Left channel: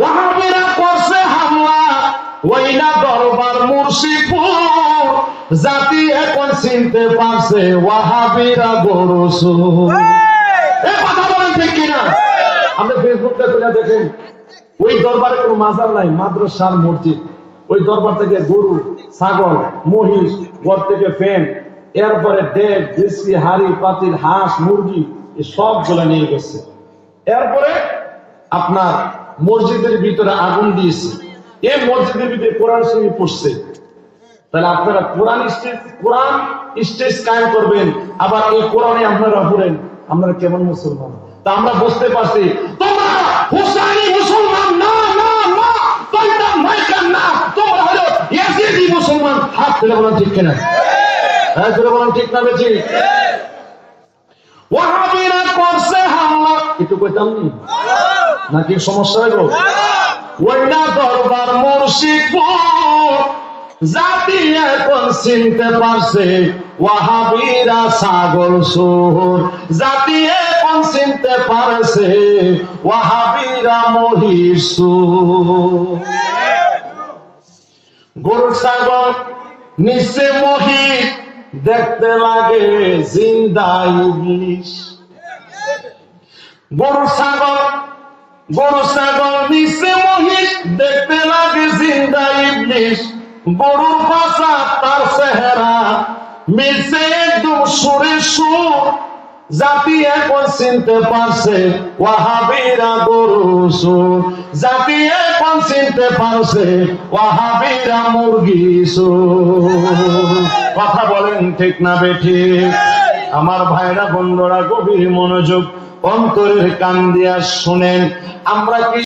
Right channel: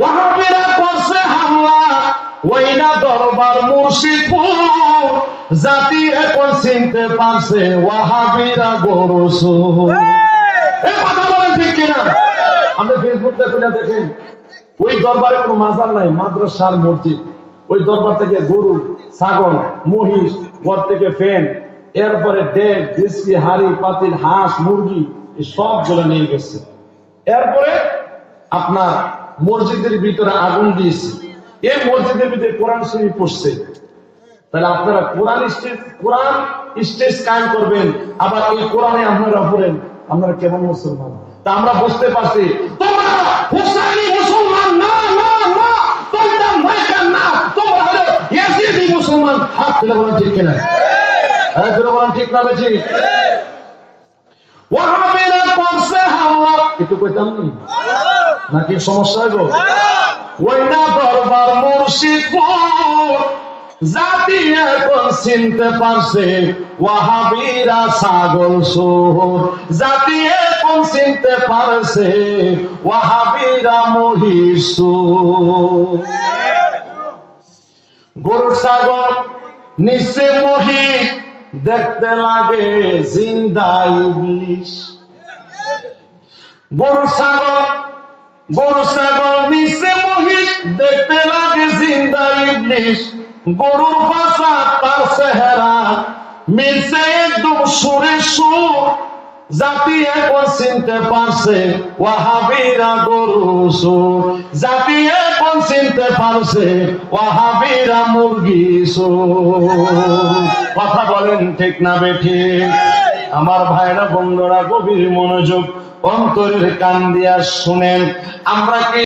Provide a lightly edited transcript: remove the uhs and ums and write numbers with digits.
ওয়াহাবিরা করছে হামলা ওইনা দরবার মুর্শিদপুর, জাতি এখন চিনতে পারছে ওয়াহাবিরা গরু চোর। কথা বলেন ঠিক কিনা? আপনি ফেসবুকে খুলে দেখেন, ওই দরবারে কোনো মাজার নাই, মাদ্রাসার মসজিদ। ওই দরবার থেকে গরু, ছাগল, মহিষ, ঘর থেকে ফ্যান, এরপরে ডেক, দেশি, হাড়ি, পাতিল, হাঁস, মুরগি, এই সবগুলো নিয়ে গেছে। এরপরে আপনার মসজিদের ভিতরে আগুন দিয়েছে। এই মসজিদের ভিতরে কোরআন শরীফ পড়ছে। তাহলে আপনারা কোরআন স্টেজ কায়েম করবেন, আবার এই কোরআনে আপনারা পড়েন, আপনারা কেমন মুসলমান? তা আমরা বুঝতে পারছি তোমরা হুসাইনি মুসলমান না, না, না, তোমরা মাইকার না, তোমরা হলো ইয়াজিদি মুসলমান। হাত তুলে বলেন ঠিক কিনা? হ্যাঁ, তুলে বলেন ঠিক না বেশি? ওয়াহাবিরা করছে হামলা, একটু কইতাম নি নাকি সমস্যা হইব? ওইনা দরবার মুর্শিদপুর, জাতি এখন চিনতে পারছে ওয়াহাবিরা ছাগল চোর, জাতি এখন চিনতে পারছে ওয়াহাবিরা মহিষ চোর। গরু ছাগল নিচে মহিষ, দেখতে লাগে জিন্দা ইবলিশ। গরু ছাগল নিচে মহিষ, দেখতে লাগে জিন্দা ইবলিশ। গরুর ভাষা তার চেহারা মিলছে একদম সুরে সুর, জাতি এখন চিনতে পারছে ওয়াহাবিরা গরু চোর, জাতি এখন চিনতে পারছে ওয়াহাবিরা মুরগি চোর। কথা বলেন ঠিক না বেঠিক? আমার ভাইরা বন্ধুরা, গভীর মনোযোগ অন্তরের কান দিয়া শুনেন। আমরা কি